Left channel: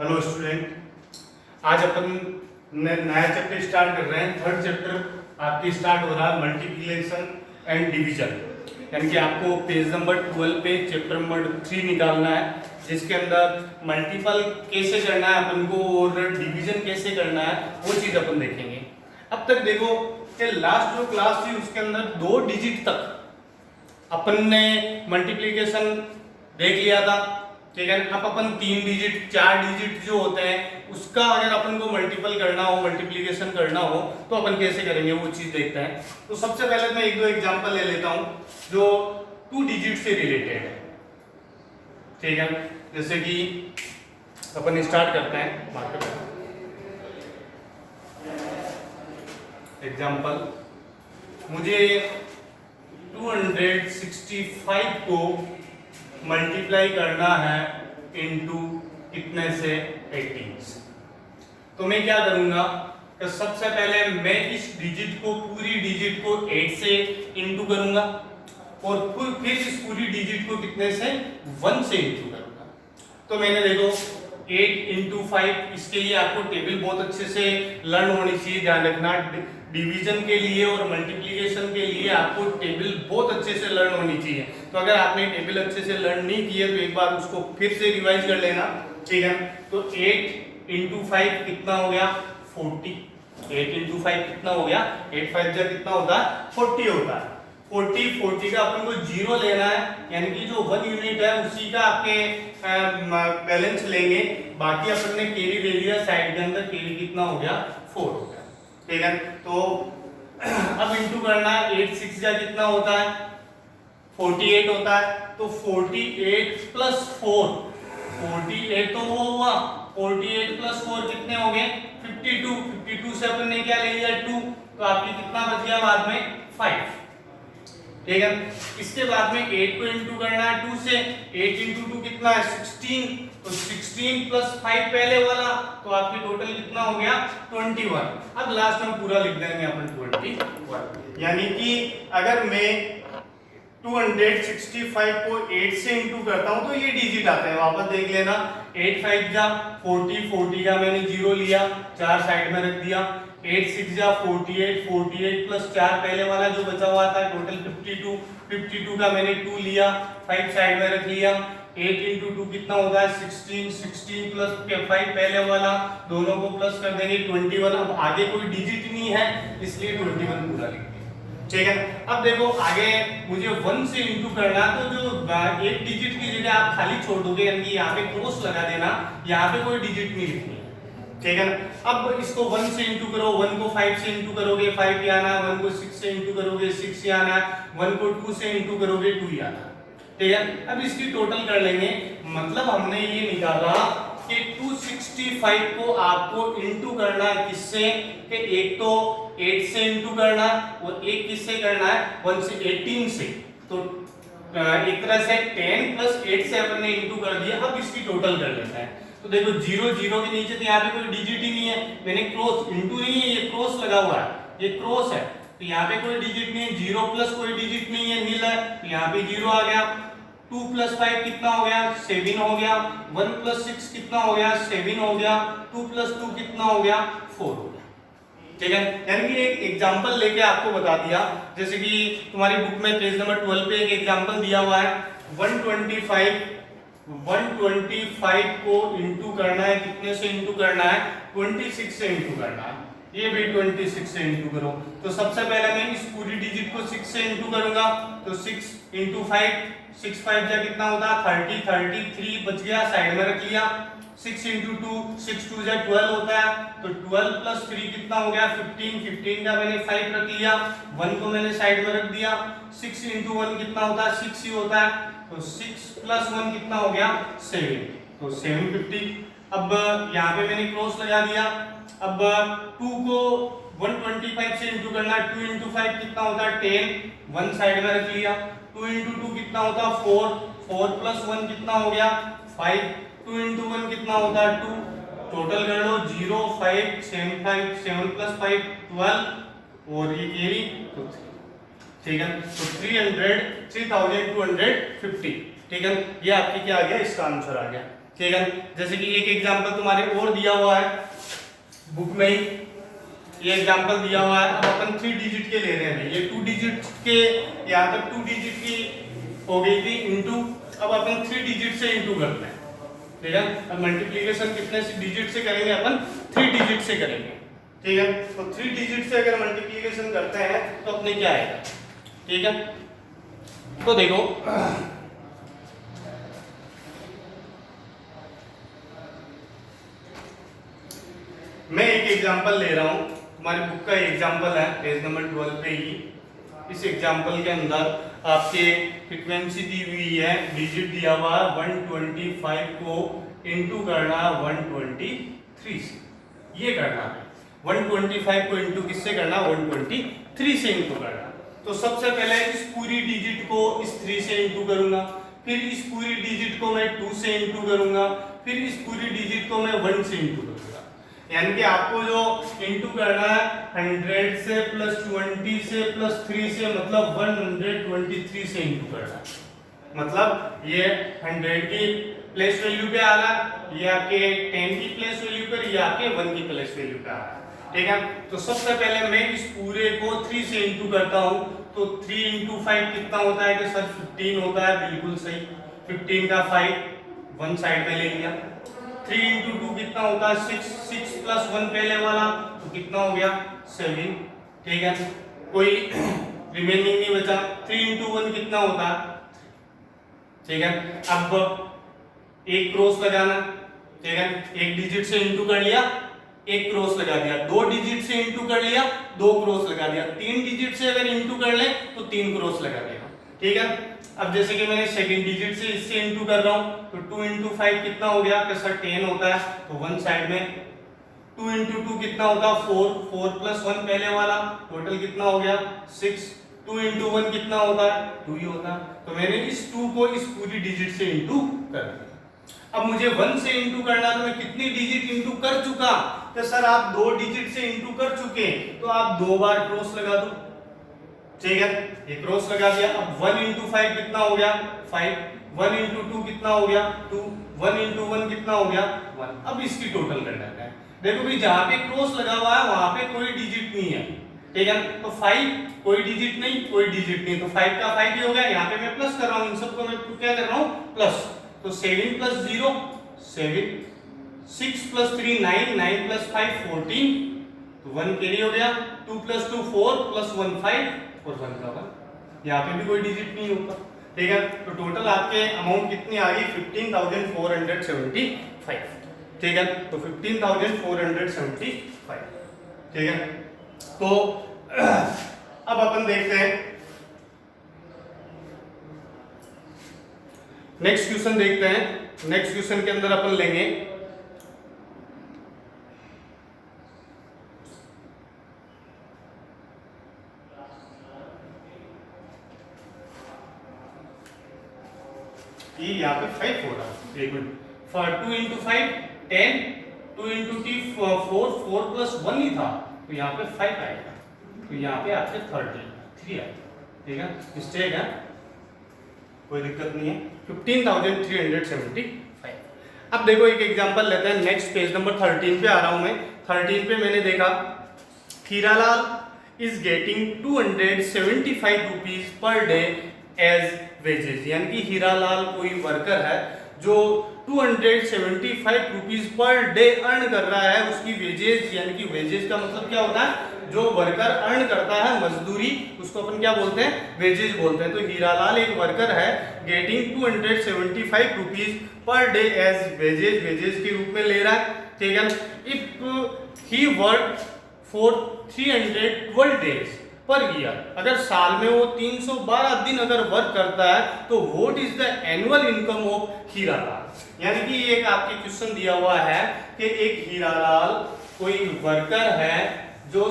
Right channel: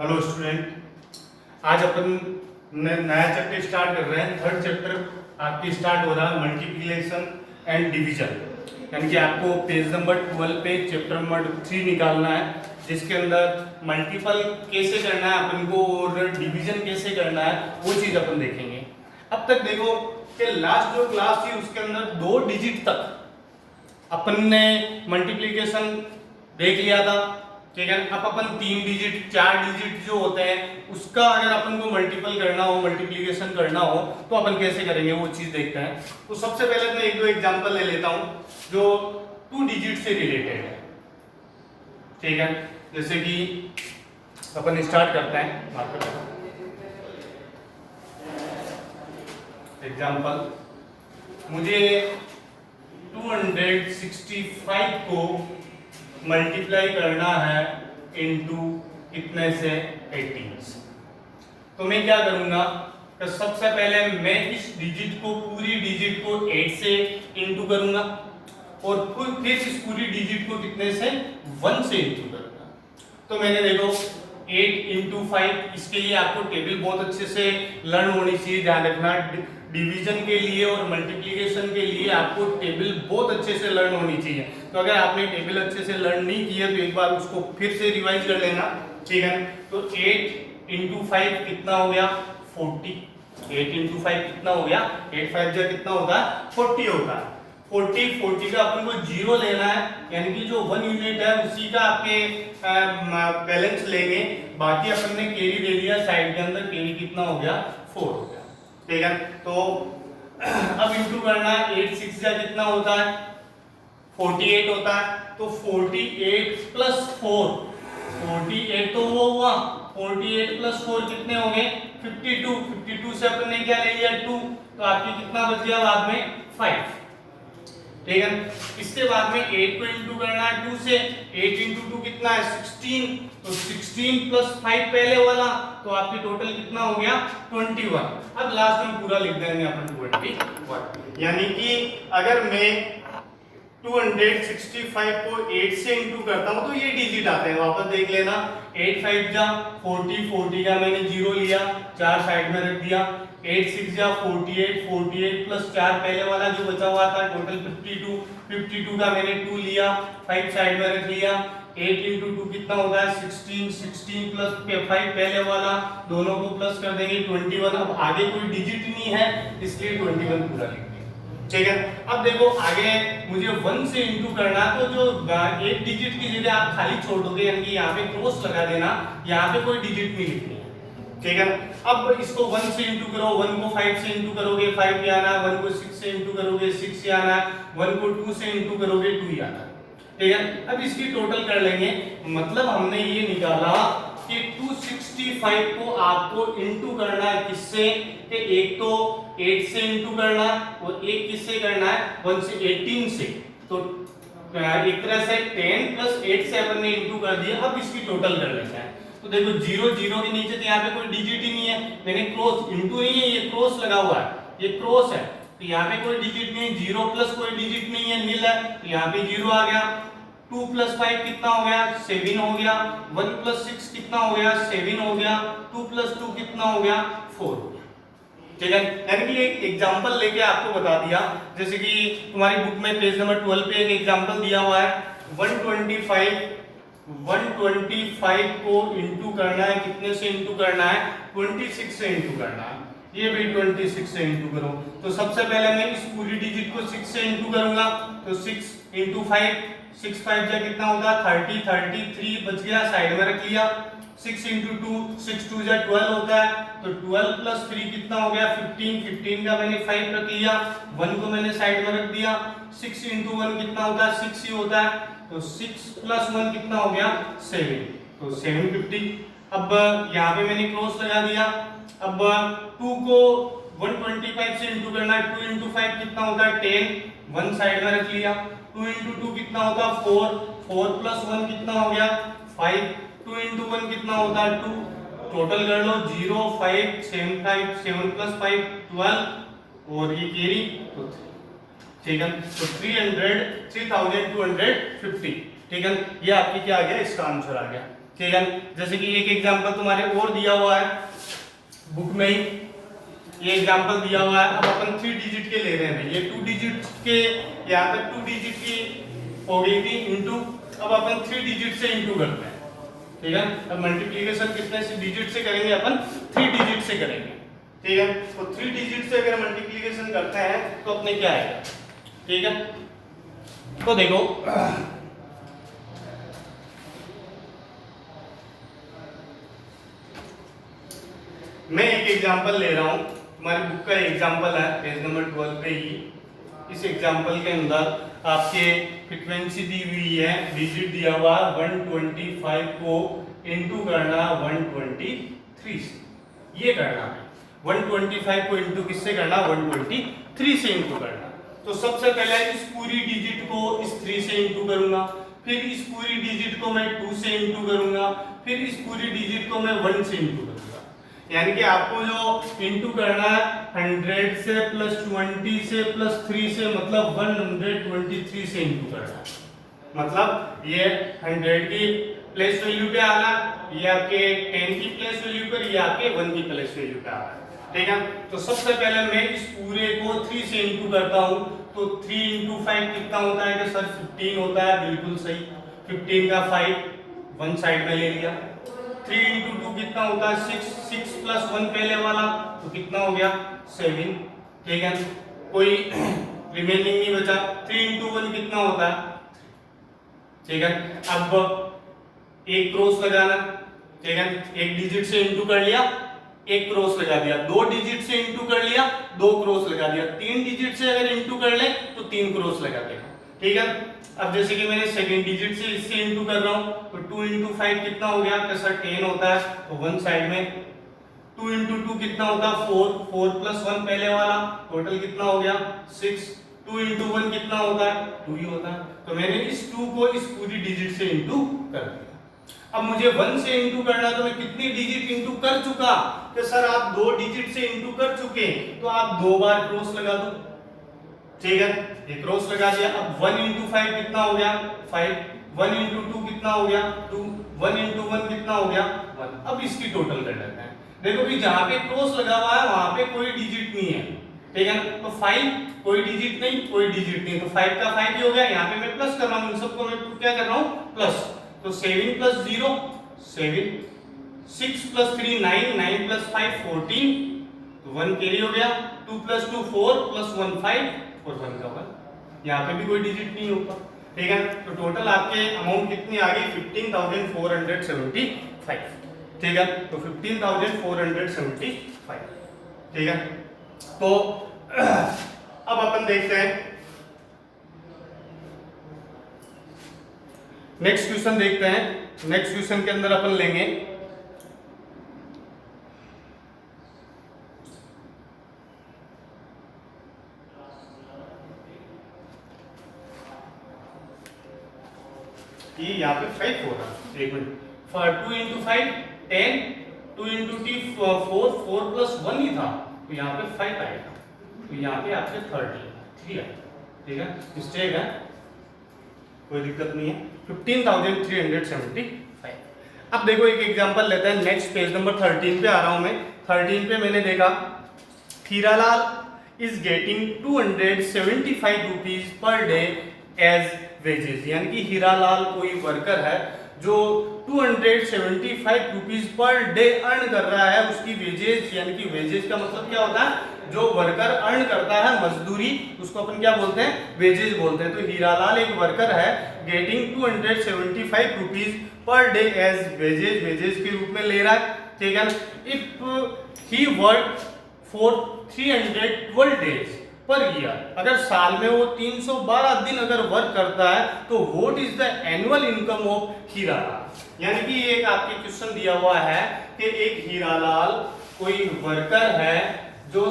Hello student, आज अपन नया chapter start कर रहे हैं। थर्ड चैप्टर आपकी स्टार्ट हो रहा है मल्टीप्लिकेशन एंड डिवीजन, यानी कि आपको पेज नंबर 12 पे चैप्टर नंबर 3 निकालना है, जिसके अंदर मल्टीपल कैसे करना है अपन को और डिवीजन कैसे करना है वो चीज़ अपन देखेंगे। अब तक देखो कि लास्ट जो क्लास थी उसके अंदर 2 डिजिट तक अपन ने मल्टीप्लिकेशन देख लिया था, ठीक है। अब अपन 3 डिजिट 4 डिजिट जो होते हैं उसका अगर अपन को मल्टीपल करना हो, मल्टीप्लिकेशन करना हो तो अपन कैसे करेंगे वो चीज देखते हैं। तो सबसे पहले मैं 1-2 एग्जांपल ले लेता हूं जो 2 डिजिट से रिलेटेड है, ठीक है। जैसे कि अपन स्टार्ट करते हैं बात करते हैं एग्जांपल, मुझे 265 को मल्टीप्लाई करना है इनटू कितने से 18 से। तो मैं क्या करूंगा कि सबसे पहले मैं इस डिजिट को, पूरी डिजिट को 8 से इनटू करूंगा और फिर इस पूरी डिजिट को कितने से 1 से इनटू करूंगा। तो मैंने देखो 8 इंटू 5, इसके लिए आपको टेबल बहुत अच्छे से लर्न होनी चाहिए, ध्यान रखना। डिवीजन के लिए और मल्टीप्लिकेशन के लिए आपको टेबल बहुत अच्छे से लर्न होनी चाहिए। तो अगर आपने टेबल अच्छे से लर्न नहीं किया तो एक बार उसको फिर से रिवाइज कर लेना, ठीक है। तो 8 इंटू 5 कितना हो गया 40। 8 इंटू 5 कितना हो गया, 8 5 जा कितना होता है 40 होता है। 40 का अपन को 0 लेना है, यानी कि जो 1 यूनिट है उसी का आपके बैलेंस लेंगे। बाकी अपन ने कैरी दे दिया साइड के अंदर, कैरी कितना हो गया 4 हो गया, ठीक है। तो अब इंटू करना है, 8 6 जा कितना होता है 48 होता है। तो 48 प्लस 4, 48 तो वो हुआ, 48 प्लस 4 कितने हो गए 52। 52 से अपन ने क्या ले लिया 2, तो आपकी कितना बच गया बाद में 5, ठीक है। इसके बाद में 8 को इंटू करना है 2 से, 8 इंटू 2 कितना है 16। तो 16 प्लस 5 पहले वाला, तो आपकी टोटल कितना हो गया 21। अब लास्ट में पूरा लिख देंगे अपन 21, यानी कि अगर मैं 265 को 8 से इंटू करता हूं तो ये डिजिट आते हैं, वापस देख लेना। 8 5 जा 40, 40 का मैंने 0 लिया, 4 साइड में रख दिया। 8 6 जा 48, 48 प्लस 4 पहले वाला जो बचा हुआ था टोटल 52, 52 का मैंने 2 लिया, 5 साइड में रख लिया। 8 इंटू 2 कितना होगा 16, 16 प्लस 5 पहले वाला, दोनों को प्लस कर देंगे 21। अब आगे कोई डिजिट नहीं है इसलिए 21 पूरा लिख दिया, ठीक है। अब देखो आगे मुझे 1 से इंटू करना है, तो जो एक डिजिट की जगह आप खाली छोड़ दोगे, यानी कि यहाँ पे क्रॉस लगा देना, यहाँ पे कोई डिजिट नहीं लिखनी है, ठीक है। अब इसको 1 से इंटू करो, 1 को 5 से इंटू करोगे 5 ही आना, 1 को 6 से इंटू करोगे 6 ही आना, 1 को 2 से इंटू करोगे 2 ही आना, ठीक है। अब इसकी टोटल कर लेंगे, मतलब हमने ये निकाला कि 265 को आपको इंटू करना है किससे, कि एक तो 8 से इंटू करना है और एक किससे करना है 1 से 18 से। तो एक तरह से 10 प्लस 8 से अपन ने इंटू कर दिया। अब इसकी टोटल कर लेते हैं। तो देखो 0 0 के नीचे तो यहाँ पे कोई डिजिट ही नहीं है, मैंने क्रॉस, इंटू नहीं है, ये क्रॉस लगा हुआ है, ये क्रॉस है, तो यहाँ पे कोई डिजिट नहीं। 0 प्लस कोई डिजिट नहीं है, नील है, तो यहाँ पे 0 आ गया। 2 प्लस 5 कितना हो गया 7 हो गया। 1 प्लस 6 कितना हो गया 7 हो गया। 2 प्लस 2 कितना हो गया 4 हो गया, ठीक है। यानी कि एक एग्जांपल लेके आपको बता दिया, जैसे कि तुम्हारी बुक में पेज नंबर 12 पे एक एग्जांपल दिया हुआ है। 125 को इंटू करना है, कितने से इंटू करना है 26 से इंटू करना है। ये भी 26 से इंटू करो। तो सबसे पहले मैं इस पूरी डिजिट को 6 से इंटू करूंगा, तो 6 इंटू 5, 6 5 जा कितना होता है 30, 33 बच गया, साइड में रख लिया। 6 इंटू 2, 6 2 जा 12 होता है, तो 12 प्लस 3 कितना हो गया 15, 15 का मैंने 5 रख लिया, 1 को मैंने साइड में रख दिया। 6 इंटू 1 कितना होता है 6 ही होता है, तो 6 प्लस 1 कितना हो गया 7, तो 750। अब यहाँ पे मैंने क्रॉस लगा दिया। अब 2 को 125 से इंटू करना है, 2 इंटू 5 कितना होता है 10, 1 साइड में रख लिया। 2 इंटू 2 कितना होता है 4, 4 प्लस 1 कितना हो गया 5, 2 इंटू 1 कितना होता है 2, टोटल कर लो 0 5 7 5, 7 प्लस 5 12 और ये कैरी, ठीक है। तो 3250, ठीक है। ये आपकी क्या आ गया, इसका आंसर आ गया। ठीक है। जैसे कि एक एग्जांपल तुम्हारे और दिया हुआ है बुक में ही, ये एग्जांपल दिया हुआ है। अब अपन 3 डिजिट के ले रहे हैं, ये 2 डिजिट के, यहाँ तक 2 डिजिट की हो गई थी इंटू, अब अपन 3 डिजिट से इंटू करते हैं, ठीक है। अब मल्टीप्लिकेशन कितने से डिजिट से करेंगे, अपन 3 डिजिट से करेंगे, ठीक है। तो 3 डिजिट से अगर मल्टीप्लिकेशन करते हैं तो अपने क्या आएगा, ठीक है। तो देखो मैं एक एग्जांपल ले रहा हूं, तुम्हारी बुक का एग्जांपल है पेज नंबर 12 पे ही। इस एग्जांपल के अंदर आपके फ्रीक्वेंसी दी हुई है, डिजिट दिया हुआ 125 को इंटू करना 123 से, ये करना है 125 को इंटू किससे करना, 123 से इंटू करना। तो सबसे पहले इस पूरी डिजिट को इस 3 से इंटू करूंगा, फिर इस पूरी डिजिट को मैं 2 से इंटू करूंगा, फिर इस पूरी डिजिट को मैं 1 से इंटू करूंगा। यानी कि आपको जो इंटू करना है 100 से प्लस 20 से प्लस 3 से, मतलब 123 से इंटू करना है। मतलब ये 100 की प्लेस वैल्यू पे आना, ये आपके 10 की प्लेस वैल्यू पर, ये आपके 1 की प्लेस वैल्यू पे आना, ठीक है। तो सबसे पहले मैं इस पूरे को 3 से इंटू करता हूं, तो 3 इंटू 5 कितना होता है कि सर 15 होता है, बिल्कुल सही। 15 का 5 वन साइड में ले लिया। 3 इंटू 2 कितना होता है, 6, 6 प्लस 1 पहले वाला, तो कितना हो गया 7, ठीक है। कोई रिमेनिंग नहीं बचा। 3 इंटू 1 कितना होता है, ठीक है। अब एक क्रॉस लगाना, ठीक है, एक डिजिट से इंटू कर लिया, एक क्रॉस लगा दिया, 2 डिजिट से इंटू कर लिया, 2 क्रॉस लगा दिया, 3 डिजिट से अगर इंटू कर ले तो 3 क्रॉस लगा दिया, ठीक है। अब जैसे कि मैंने सेकंड डिजिट से इससे इंटू कर रहा हूं, तो 2 इंटू 5 कितना हो गया, तो सर 10 होता है, तो वन साइड में। 2 इंटू 2 कितना होता है 4, 4 प्लस 1 पहले वाला, टोटल कितना हो गया 6। 2 इंटू 1 कितना होता है 2 ही होता है, तो मैंने इस 2 को इस पूरी डिजिट से इंटू कर दिया। अब मुझे 1 से इंटू करना, तो मैं कितनी डिजिट इंटू कर चुका, तो सर आप 2 डिजिट से इंटू कर चुके, तो आप 2 बार क्रॉस लगा दो, ठीक है, ये क्रॉस लगा दिया। अब 1 इंटू 5 कितना हो गया 5, 1 इंटू 2 कितना हो गया 2, 1 इंटू 1 कितना हो गया 1। अब इसकी टोटल कर लेते हैं। देखो भी जहां पे क्रॉस लगा हुआ है वहां पे कोई डिजिट नहीं है, ठीक है। तो 5 कोई डिजिट नहीं, कोई डिजिट नहीं, तो 5 का 5 ही हो गया। यहाँ पे मैं प्लस कर रहा हूँ, इन सबको मैं क्या कर रहा हूँ प्लस, तो 7 प्लस 0 7, 6 प्लस 3 9, 9 प्लस 5 14, तो 1 कैरी हो गया। 2 प्लस 2 4 प्लस 1 5 और 1 का 1, यहाँ पे भी कोई डिजिट नहीं होगा, ठीक है। तो टोटल आपके अमाउंट कितनी आ गई 15,475, ठीक है। तो 15,475, ठीक है। तो अब अपन देखते हैं नेक्स्ट क्वेश्चन, देखते हैं नेक्स्ट क्वेश्चन के अंदर अपन लेंगे ये यहाँ पे 5 हो रहा है, एक मिनट, 2 इंटू 5 10, 2 इंटू 3 4, 4 प्लस 1 ही था, तो यहाँ पे 5 आएगा, तो यहाँ पे आपके 3 है, ठीक है। मिस्टेक है, कोई दिक्कत नहीं है। 15,375। अब देखो एक एग्जांपल लेते हैं, नेक्स्ट पेज नंबर 13 पे आ रहा हूं मैं। 13 पे मैंने देखा Hiralal is getting 275 rupees per day as wages, यानी कि हीरालाल कोई वर्कर है जो 275 रुपीज पर डे अर्न कर रहा है, उसकी वेजेस, यानी कि वेजेस का मतलब क्या होता है, जो वर्कर अर्न करता है मजदूरी, उसको अपन क्या बोलते हैं वेजेस बोलते हैं। तो हीरालाल एक वर्कर है getting 275 rupees per day as wages, wages के रूप में ले रहा है, ठीक है। If he work for 312 days per year, अगर साल में वो 312 दिन अगर वर्क करता है, तो what is the annual income of Hiralal. यानी कि एक आपके क्वेश्चन दिया हुआ है कि एक हीरालाल कोई वर्कर है जो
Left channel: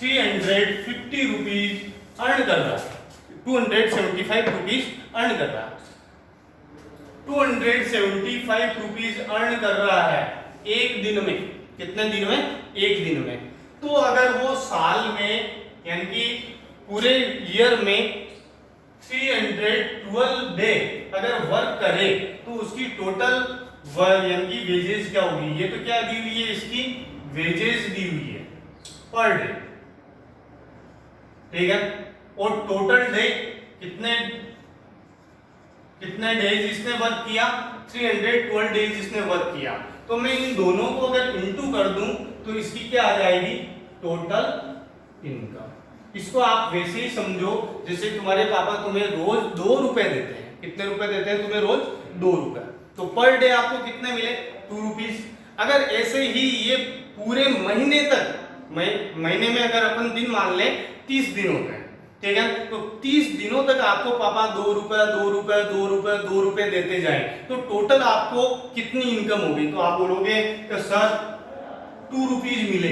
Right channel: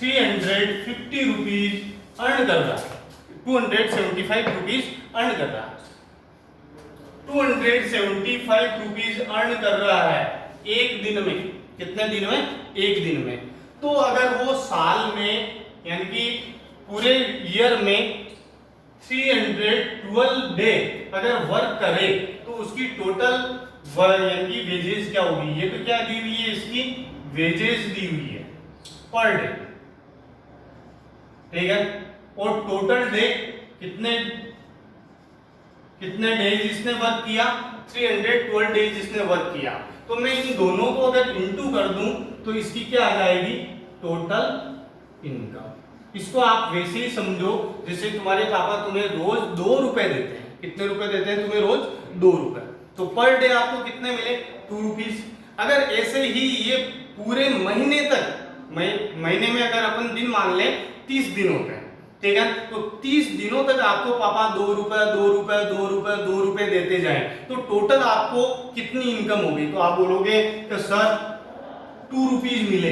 350 रुपीज अर्न कर रहा है, 275 रुपीज अर्न कर रहा है, 275 रुपीज अर्न कर रहा है एक दिन में। कितने दिन में, एक दिन में। तो अगर वो साल में यानी कि पूरे ईयर में 312 डे अगर वर्क करे, तो उसकी टोटल यानी कि वेजेस क्या होगी, ये तो क्या दी हुई है, इसकी वेजेस दी हुई है पर डे, ठीक है। और टोटल डे कितने कितने डेज इसने वर्क किया, 312 डेज इसने वर्क किया। तो मैं इन दोनों को अगर इंटू कर दूं तो इसकी क्या आ जाएगी, टोटल इनकम। इसको आप वैसे ही समझो जैसे तुम्हारे पापा तुम्हें रोज 2 रुपए देते हैं। कितने रुपए देते हैं तुम्हें रोज, 2 रुपए। तो पर डे आपको कितने मिले, 2 रुपीज। अगर ऐसे ही ये पूरे महीने तक, महीने में अगर अपन दिन मान लें 30 दिन होते हैं, ठीक है, तो 30 दिनों तक आपको पापा 2 रुपए 2 रुपए 2 रुपए 2 रुपए देते जाए तो टोटल आपको कितनी इनकम होगी। तो आप बोलोगे कि सर 2 रुपीज मिले,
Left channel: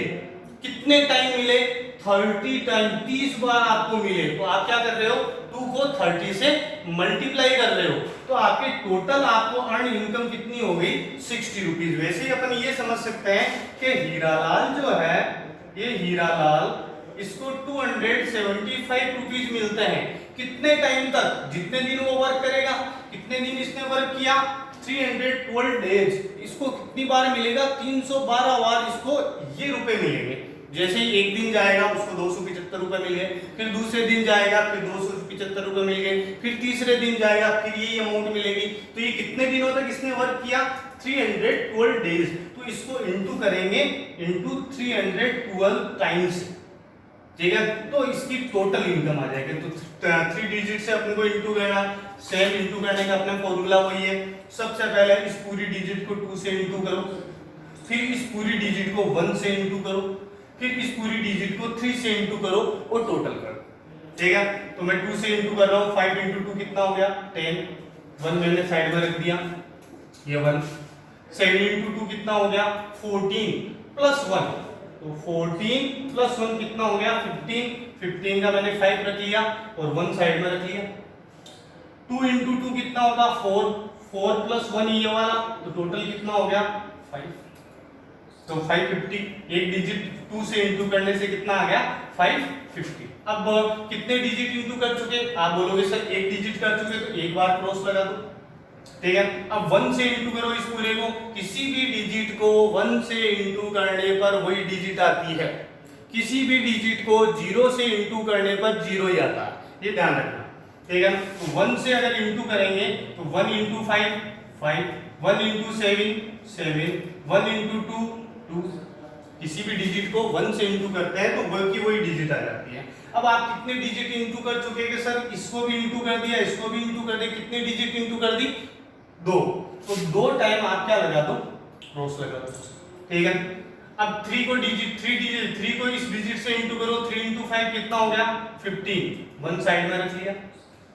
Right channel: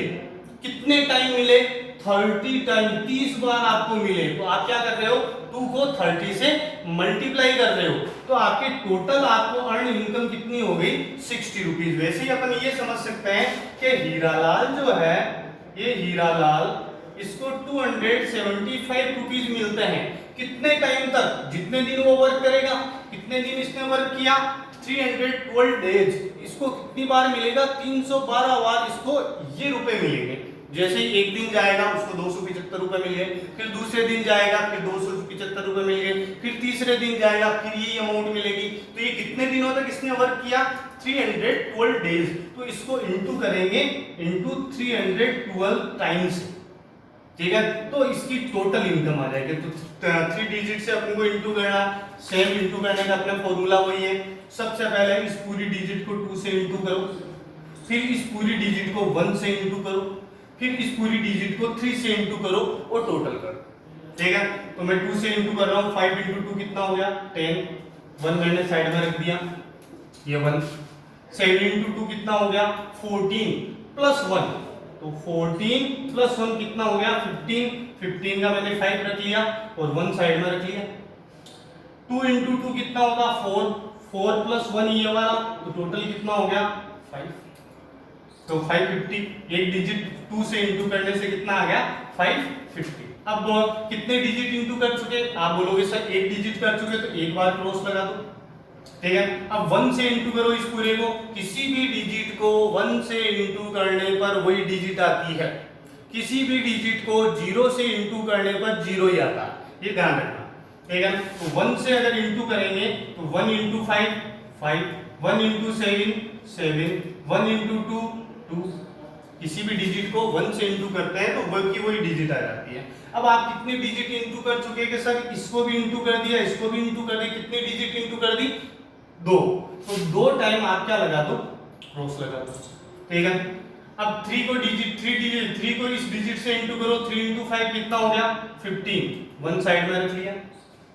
कितने टाइम मिले, 30 टाइम, 30 बार आपको मिले। तो आप क्या कर रहे हो, 2 को 30 से मल्टीप्लाई कर रहे हो, तो आपके टोटल आपको अर्न इनकम कितनी हो गई, 60 रुपीज। वैसे ही अपन ये समझ सकते हैं कि हीरालाल जो है, ये हीरालाल, इसको 275 रुपीज मिलते हैं। कितने टाइम तक, जितने दिन वो वर्क करेगा। कितने दिन इसने वर्क किया, 312 डेज। इसको कितनी बार मिलेगा, 312 बार इसको ये रुपए मिलेंगे। जैसे ही एक दिन जाएगा उसको 275 रुपए मिल गए, फिर दूसरे दिन जाएगा फिर 275 रुपए मिल गए, फिर तीसरे दिन जाएगा फिर ये अमाउंट मिलेगी। तो ये कितने दिनों तक इसने वर्क किया, 312 डेज। तो इसको इंटू करेंगे इंटू 312 टाइम्स, ठीक है, तो इसकी टोटल इनकम आ जाएगी। तो 3 डिजिट से अपन को इंटू करना, सेम इंटू करने का अपना फॉर्मूला वही है। सबसे पहले इस पूरी डिजिट को 2 से इंटू करो, फिर इस पूरी डिजिट को 1 से इंटू करो, फिर इस पूरी डिजिट को 3 से इंटू करो और टोटल करो, ठीक है। तो मैं 2 से इंटू कर रहा हूँ, 5 इंटू 2 कितना हो गया, 10, 1 मैंने साइड में रख दिया, ये 1। 7 इंटू 2 कितना हो गया, 14 प्लस 1, तो 14 प्लस 1 कितना हो गया, 15। 15 का मैंने 5 रख लिया और 1 साइड में रख लिया। 2 इंटू 2 कितना होगा, 4, 4 प्लस 1 ये वाला, तो टोटल कितना हो गया, 5। तो 550, एक डिजिट 2 से इंटू करने से कितना आ गया, 550। अब कितने डिजिट इंटू कर चुके, आप बोलोगे सर एक डिजिट कर चुके, तो एक बार क्रॉस लगा दो, ठीक है। अब 1 से इंटू करो इस पूरे को, किसी भी डिजिट को 1 से इंटू करने पर वही डिजिट आती है, किसी भी डिजिट को 0 से इंटू करने पर 0 ही आता है, ये ध्यान रखना, ठीक है। तो 1 से अगर इंटू करेंगे तो 1 इंटू 5, 5, 1 इंटू 7, 7, 1 इंटू 2, 2। किसी भी डिजिट को 1 से इंटू करते हैं तो वह की वही डिजिट आ जाती है। अब आप कितने डिजिट इंटू कर चुके हैं कि सर इसको भी इंटू कर दिया, इसको भी इंटू कर दिया, कितने डिजिट इंटू कर दी, 2। तो 2 टाइम आप क्या लगा दो, क्रॉस लगा दो, ठीक है। अब 3 को डिजिट 3 को इस डिजिट से इंटू करो, 3 इंटू 5 कितना हो गया, 15, 1 साइड में रख लिया।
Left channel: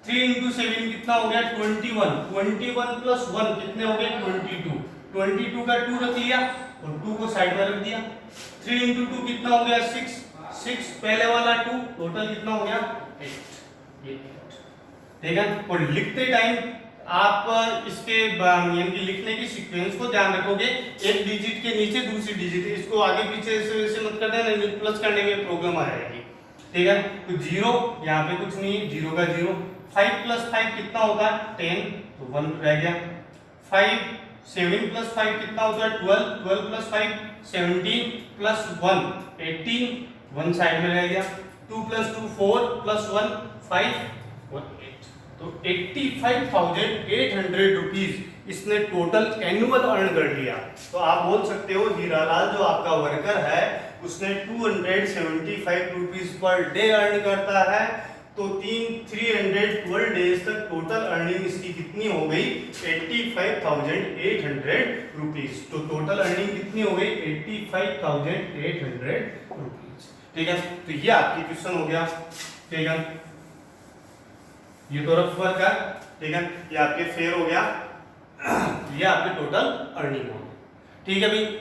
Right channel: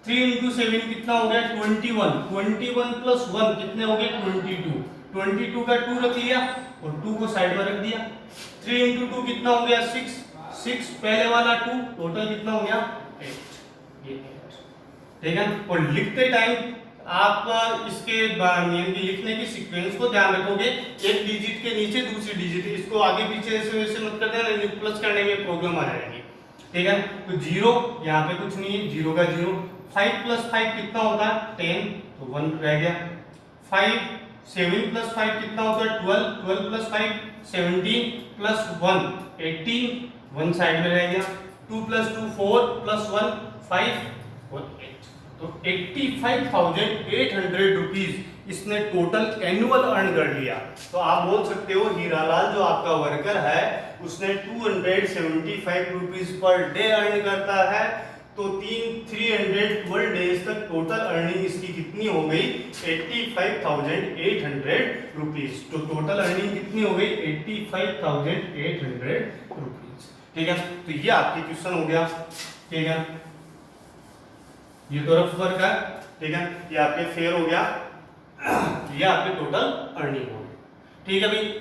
3 इंटू 7 कितना हो गया, 21, 21 प्लस 1 कितने हो गए, 22, 22 का 2 रख लिया और 2 को साइड में रख दिया। 3 इंटू 2 कितना हो गया, 6, 6 पहले वाला 2, टोटल कितना हो गया, 8, ये 8, ठीक है। और लिखते टाइम आप इसके यानी कि लिखने की सीक्वेंस को ध्यान रखोगे, एक डिजिट के नीचे दूसरी डिजिट, इसको आगे पीछे ऐसे वैसे मत करना, नहीं प्लस करने में प्रॉब्लम आ जाएगी, ठीक है। तो 0 यहाँ पे कुछ नहीं है, 0 का 0। 5 प्लस 5 कितना होता है, 10, तो 1 रह गया। 5, 7 प्लस 5 कितना होता है, 12, 12 प्लस 5 17 प्लस 1 18, 1 साइड में रह गया। 2 प्लस 2 4 प्लस 1 5 और 8, तो 85,800 रुपीज इसने टोटल एनुअल अर्न कर लिया। तो आप बोल सकते हो हीरालाल जो आपका वर्कर है उसने 275 रुपीज पर डे अर्न करता है। तो 312 डेज तक टोटल अर्निंग इसकी कितनी हो गई, 85,800 रुपीज। तो टोटल अर्निंग कितनी हो गई, 85,800 रुपीज, ठीक है। तो ये आपकी क्वेश्चन हो गया, ठीक है। ये तो रफ वर्क है, ठीक है, ये आपके फेयर हो गया, ये आपके टोटल अर्निंग हो गई, ठीक है भाई।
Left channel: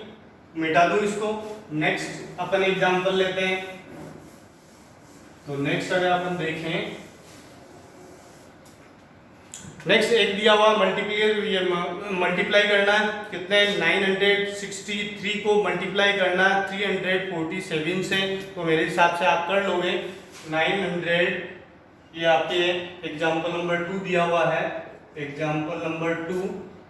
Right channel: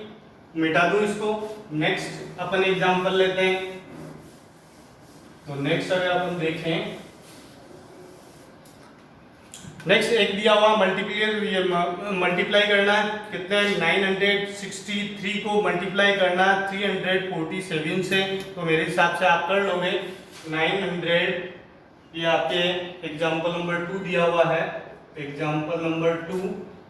मिटा दूं इसको, नेक्स्ट अपन एग्जांपल लेते हैं। तो नेक्स्ट अगर अपन देखें, नेक्स्ट एक दिया हुआ मल्टीप्लाई करना है, कितने 963 को मल्टीप्लाई करना 347 से। तो मेरे हिसाब से आप कर लोगे 900, ये आपके एग्जाम्पल नंबर 2 दिया हुआ है, एग्जाम्पल नंबर 2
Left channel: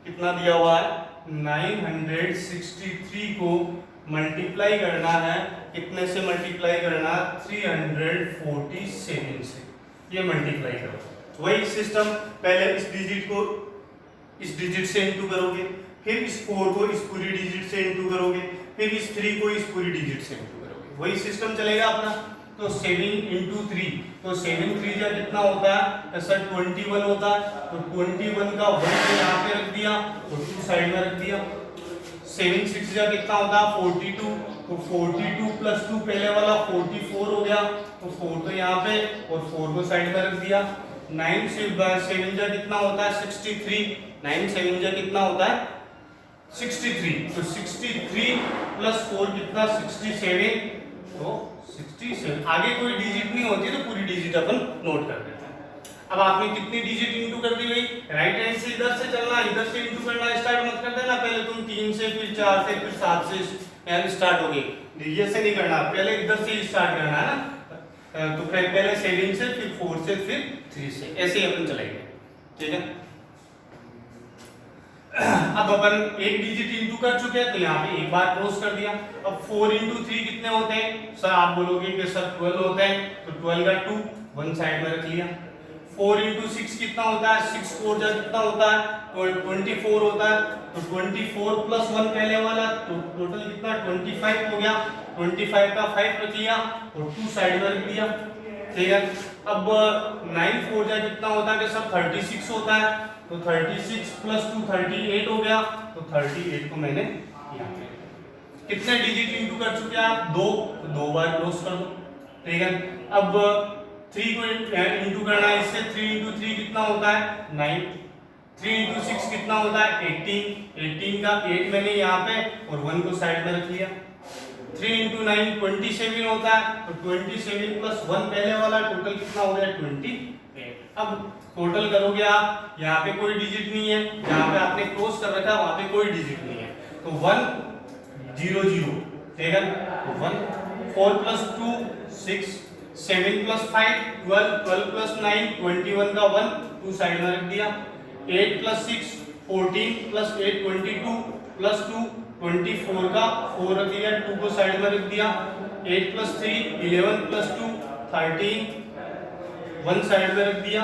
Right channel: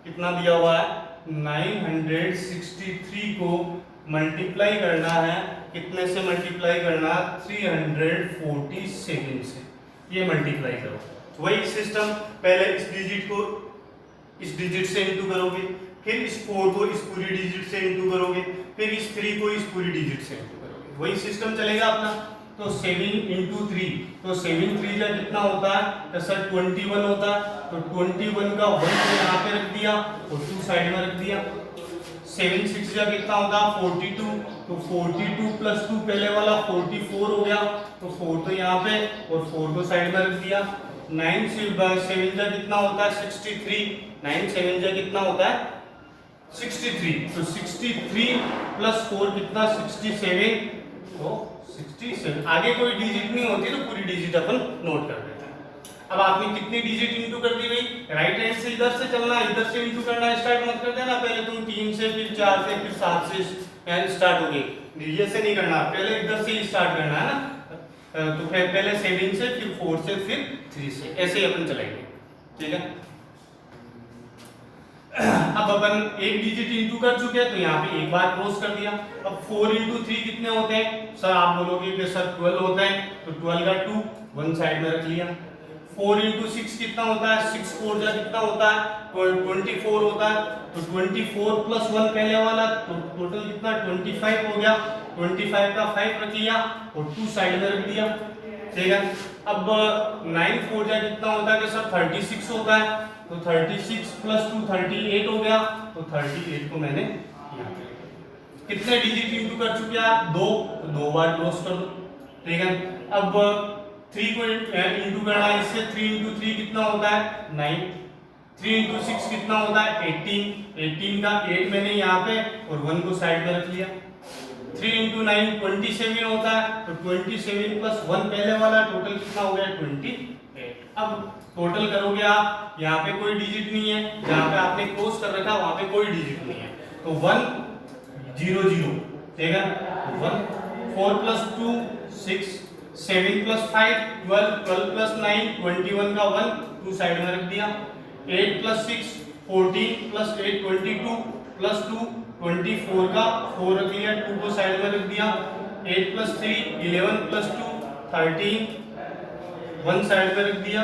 कितना दिया हुआ है 963 को मल्टीप्लाई करना है, कितने से मल्टीप्लाई करना है 347 से, ये मल्टीप्लाई करो। वही सिस्टम, पहले इस डिजिट को इस डिजिट से इंटू करोगे, फिर इस 4 को इस पूरी डिजिट से इंटू करोगे, फिर इस 3 को इस पूरी डिजिट से इंटू करोगे, वही सिस्टम चलेगा अपना। तो 7 इंटू 3, तो 7 3 का कितना होता है तो सर 21 होता है, तो 21 का 1 को यहाँ पे रख दिया और 2 साइड में रख दिया। 7 6 का कितना होता है 42, तो 42 प्लस 2 पहले वाला 44 हो गया, तो 4 तो यहाँ पे और 4 को साइड में रख दिया। 9 7 का कितना होता है 63, 9 7 का कितना होता है 63, तो 63 प्लस 4 कितना 67, तो 67। आगे कोई डिजिट नहीं होती तो पूरी डिजिट अपन नोट कर देते हैं। अब आपने कितनी डिजिट इंटू कर दी भाई, राइट हैंड से इधर से चलना, इधर से इंटू करना स्टार्ट मत कर देना, पहले तुम 3 से फिर 4 से फिर 7 से स्टार्ट हो गई, ये से नहीं करना, पहले इधर से ही स्टार्ट करना है ना। तो फिर पहले 7 से फिर 4 से फिर 3 से, ऐसे ही अपन चलेंगे, ठीक है। अब अपन एक डिजिट इंटू कर चुके हैं तो यहाँ पे एक बार क्रॉस कर दिया। अब 4 इंटू 3 कितने होते हैं सर, आप बोलोगे कि सर 12 होते हैं, तो 12 का 2 1 साइड में रख लिया। 4 इंटू 6 कितना होता है 6 4 जा कितना होता है 24 होता है, तो 24 प्लस 1 पहले वाला, तो टोटल कितना 25 हो गया। 25 का 5 रख लिया और 2 साइड में रख दिया, ठीक है। अब 9 4 जा कितना होता है कि सर 36 होता है, तो 36 प्लस 2 38 हो गया, तो 38 को मैंने यहाँ कितने डिजिट इंटू कर चुके हैं आप 2, तो 2 बार क्रॉस कर दो, ठीक है। अब 3 को इंटू करना है इससे, 3 इंटू 3 कितना होता है 9, 3 इंटू 6 कितना होता है 18, 18 का 8 मैंने यहाँ पे और 1 को साइड में रख लिया। 3 इंटू 9 27 होता है, तो 27 प्लस 1 पहले वाला, टोटल कितना हो गया 28। अब टोटल करोगे आप, यहाँ पे कोई डिजिट नहीं है, जहाँ पे आपने क्रॉस कर रखा वहाँ पे कोई डिजिट नहीं है, तो 1 0 0, ठीक है। 1 4 प्लस 2 6, 7 प्लस 5 12, 12 प्लस 9 21 का 1 2 साइड में रख दिया। 8 प्लस 6 14 प्लस 8 22 प्लस 2 24 का 4 रख लिया, 2 को साइड में रख दिया। 8 प्लस 3 11 प्लस 2 13 1 साइड में रख दिया,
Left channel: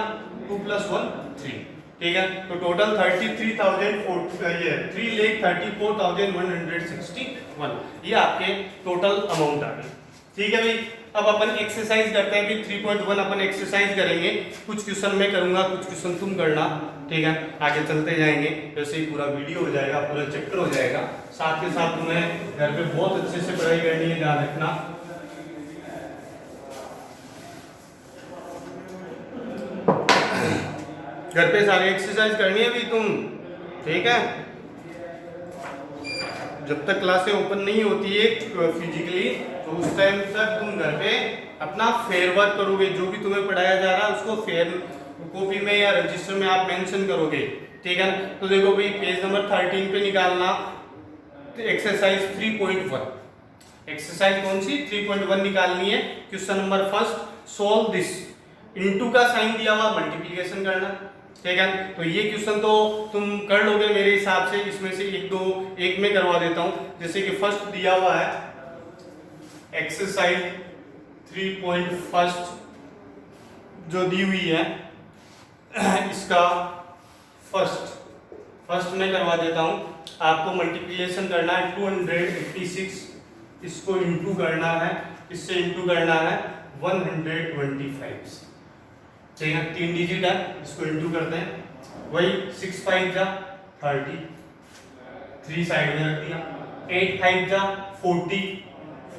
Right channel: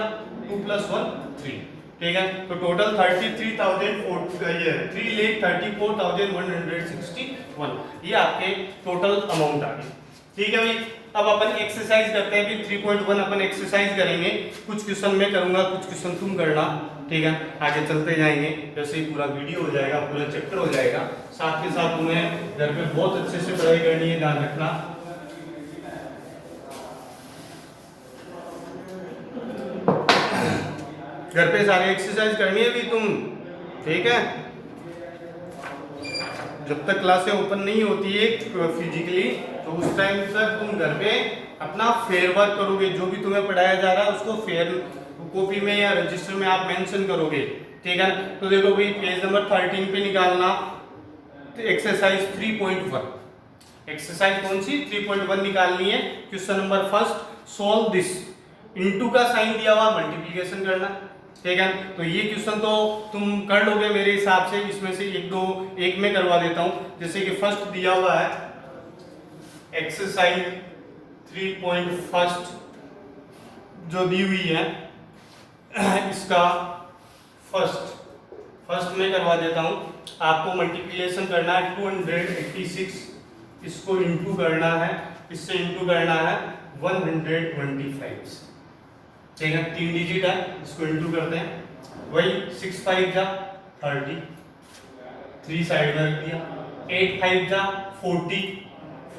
2 प्लस 1 3, ठीक है। तो टोटल 3,34,161, ये आपके टोटल अमाउंट आ गई, ठीक है भाई। अब अपन एक्सरसाइज करते हैं कि 3.1 अपन एक्सरसाइज करेंगे, कुछ क्वेश्चन मैं करूंगा कुछ क्वेश्चन तुम करना, ठीक है। आगे चलते जाएंगे, जैसे ही पूरा वीडियो हो जाएगा पूरा चैप्टर हो जाएगा, साथ के साथ तुम्हें घर पे बहुत अच्छे से पढ़ाई करनी है, ध्यान रखना। घर पे सारी एक्सरसाइज करनी है भी तुम, ठीक है। जब तक क्लासें ओपन नहीं होती है फिजिकली, तो उस टाइम तक तुम घर पे अपना फेयर वर्क करोगे, जो भी तुम्हें पढ़ाया जा रहा है उसको फेयर कॉपी में या रजिस्टर में आप मेंशन करोगे, ठीक है। तो देखो भाई पेज नंबर 13 पे निकालना, तो एक्सरसाइज 3.1, एक्सरसाइज कौन सी 3.1 निकालनी है। Question number first, solve this, into का साइन दिया हुआ मल्टीप्लिकेशन करना, ठीक है। तो ये क्वेश्चन तो तुम कर लोगे मेरे हिसाब से, इसमें से एक में करवा देता हूं। जैसे कि फर्स्ट दिया हुआ है एक्सरसाइज 3.1 जो दी हुई है, इसका फर्स्ट में करवा देता हूं। आपको मल्टीप्लिकेशन करना है 286, इसको इंटू करना है, इससे इंटू करना है 125, ठीक है। 3 डिजिट है, इसको इंटू करते हैं। वही 6 5 जा 30, 3 साइड में रख दिया। 8 5 जा 40,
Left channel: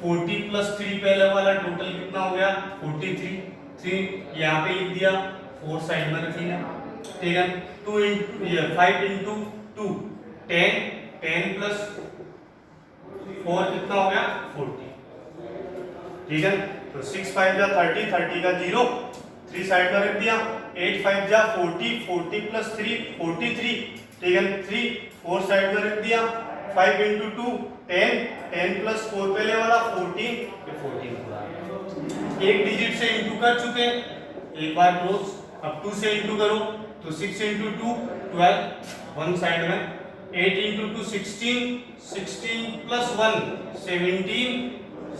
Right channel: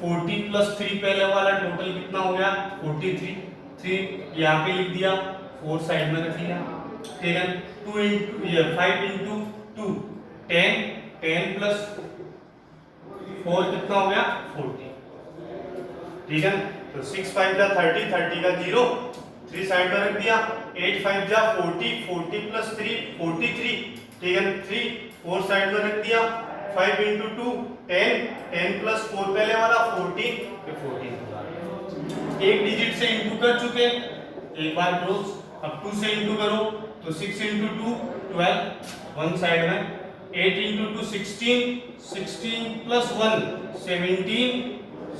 40 प्लस 3 पहले वाला, टोटल कितना हो गया 43, 3 यहाँ पे लिख दिया, 4 साइड में रख दिया, ठीक है। 5 इंटू 2 10, 10 प्लस 4 कितना हो गया 40, ठीक है। तो 6 5 जा 30, 30 का 0, 3 साइड में रख दिया। 8 5 जा 40, 40 प्लस 3 43, ठीक है। 3 4 साइड में रख दिया। 5 इंटू 2 10, 10 प्लस 4 पहले वाला 14, 14 एक डिजिट से इंटू कर चुके, एक बार क्लोज। अब 2 से इंटू करो, तो 6 इंटू 2 12 वन साइड में, 8 इंटू 2 16, 16 प्लस 1 17,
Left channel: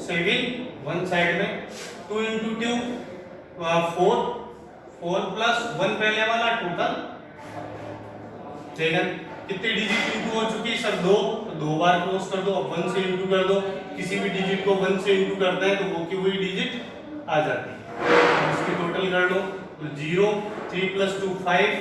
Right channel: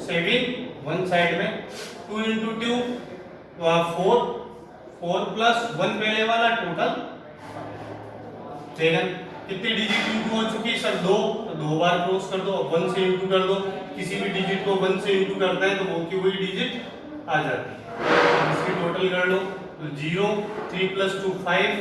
7 वन साइड में, 2 इंटू 2 4, 4 प्लस 1 पहले वाला टोटल, ठीक है। कितने डिजिट इंटू हो चुकी है सर? 2, तो 2 बार क्रॉस कर दो, 1 से इंटू कर दो, किसी भी डिजिट को 1 से इंटू करते हैं तो वो की वही डिजिट आ जाती है। इसकी टोटल कर लो, तो 0, 3 plus 2 5,